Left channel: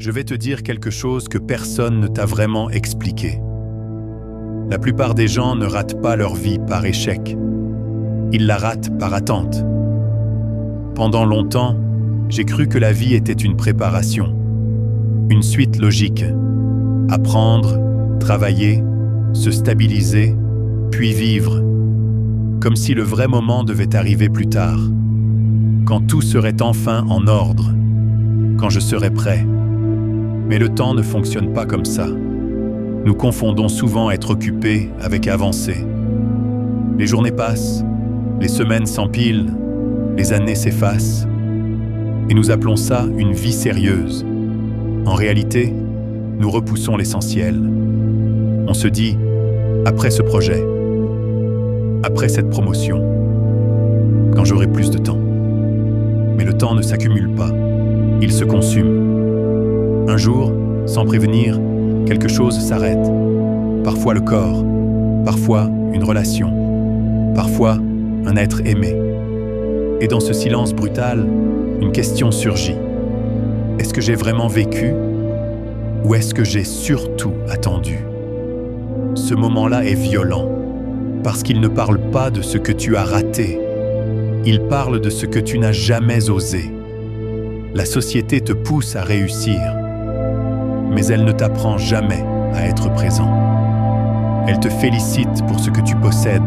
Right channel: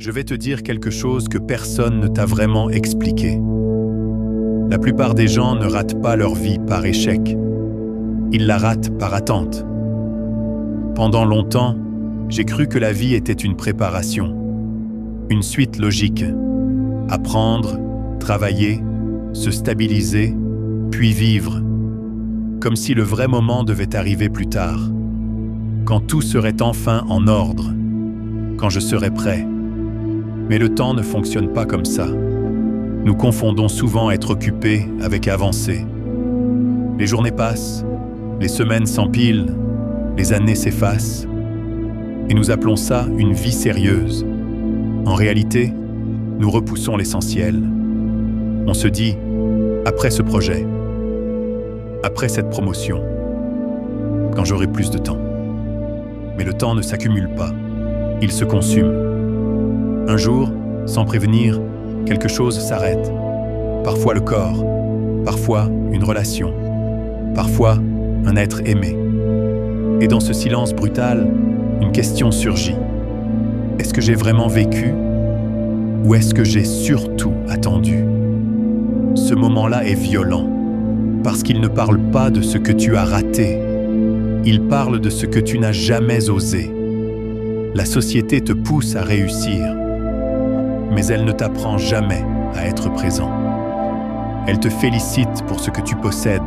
Je vais te dire quelque chose que personne ne t'a vraiment expliqué. La plupart des gens ne ratent pas leur vie par échec. Ils la ratent par attente. Pendant longtemps, j'ai cru que la vie était une préparation, une suite logique. Apprendre, travailler, se stabiliser, puis vivre. Comme si le vrai moment devait arriver plus tard. Quand tout serait enfin en ordre. Quand je serais prêt. Mais le temps ne fonctionne pas comme ça. Nous confondons souvent être occupés avec avancer. Les journées passent, les semaines s'empilent, les années s'effacent. Et nous appelons ça une vie sérieuse. En réalité, nous repoussons l'essentiel. On se dit, après ce projet, après cette promotion, quand j'aurai plus de temps. Mais le temps ne s'accumule pas, il se consume. Un jour, sans prévenir, quelque chose s'arrête. Parfois le corps, parfois une relation, parfois un être aimé. Et dans ce silence brutal, une question surgit. Est-ce que j'ai vraiment vécu ou est-ce que j'ai surtout attendu? Ce moment-là est violent, parce qu'il ne parle pas de ce que tu as raté. Il parle de ce que tu n'as jamais osé. La société te pousse à réussir, mais elle ne t'apprend jamais à être présent. Elle te félicite pour ce que tu possèdes,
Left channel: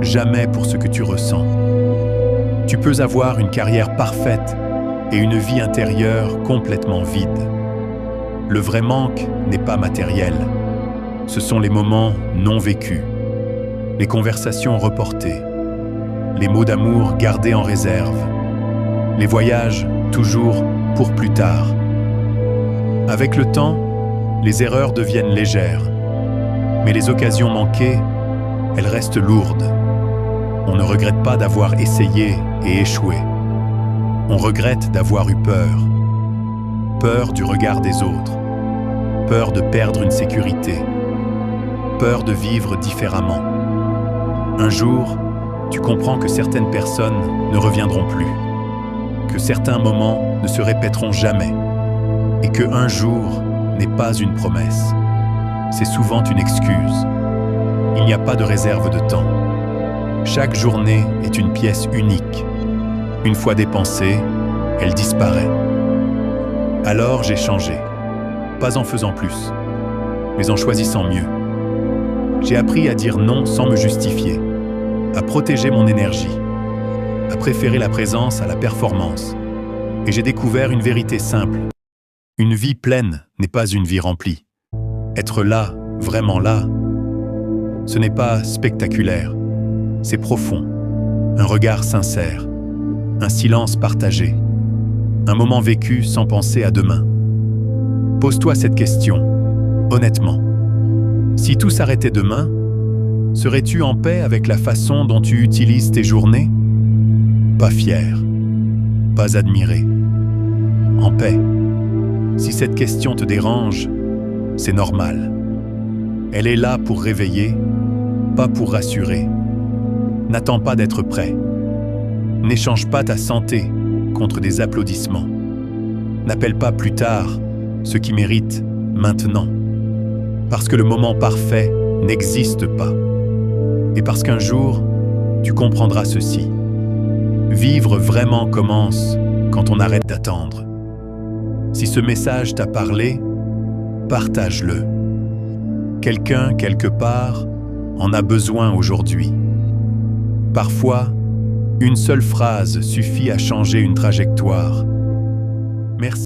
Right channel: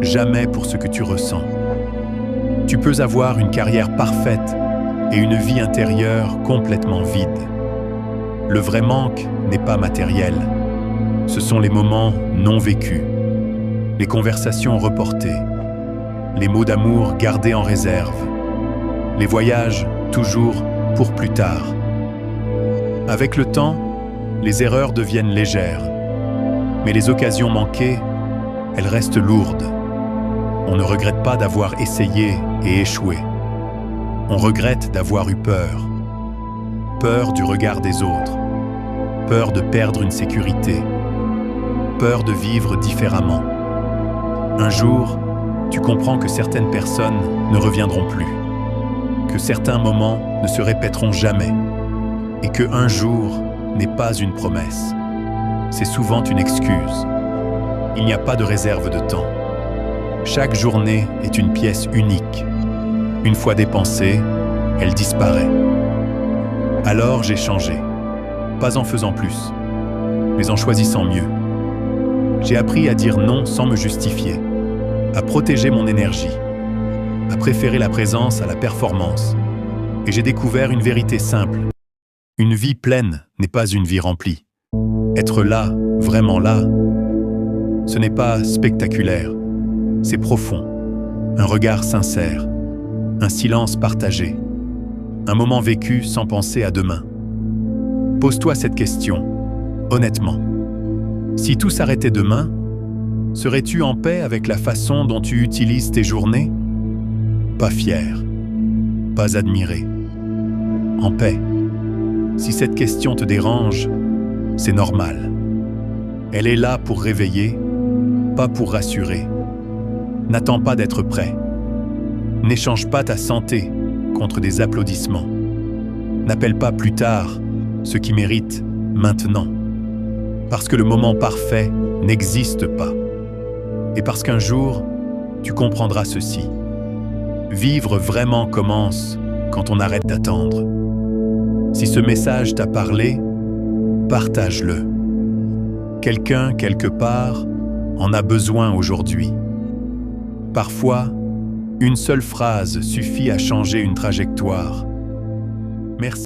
jamais pour ce que tu ressens. Tu peux avoir une carrière parfaite et une vie intérieure complètement vide. Le vrai manque n'est pas matériel. Ce sont les moments non vécus, les conversations reportées, les mots d'amour gardés en réserve, les voyages toujours pour plus tard. Avec le temps, les erreurs deviennent légères, mais les occasions manquées, elles restent lourdes. On ne regrette pas d'avoir essayé et échoué. On regrette d'avoir eu peur. Peur du regard des autres. Peur de perdre une sécurité. Peur de vivre différemment. Un jour, tu comprends que certaines personnes ne reviendront plus. Que certains moments ne se répéteront jamais. Et que un jour n'est pas une promesse. C'est souvent une excuse. Il n'y a pas de réserve de temps. Chaque journée est une pièce unique. Une fois dépensée, elle disparaît. Alors j'ai changé. Pas en faisant plus, mais en choisissant mieux. J'ai appris à dire non sans me justifier, à protéger mon énergie, à préférer la présence à la performance. Et j'ai découvert une vérité simple. Une vie pleine n'est pas une vie remplie. Être là, vraiment là, ce n'est pas spectaculaire. C'est profond, un regard sincère, un silence partagé, un moment vécu sans penser à demain. Pose-toi cette question, honnêtement. Si tout s'arrêtait demain, serais-tu en paix avec la façon dont tu utilises tes journées? Pas fier, pas admiré, en paix. Si cette question te dérange, c'est normal. Elle est là pour réveiller, pas pour rassurer. N'attends pas d'être prêt. N'échange pas ta santé contre des applaudissements. N'appelle pas plus tard ce qui mérite maintenant. Parce que le moment parfait n'existe pas. Et parce qu'un jour, tu comprendras ceci. Vivre vraiment commence quand on arrête d'attendre. Si ce message t'a parlé, partage-le. Quelqu'un, quelque part, en a besoin aujourd'hui. Parfois, une seule phrase suffit à changer une trajectoire. Merci.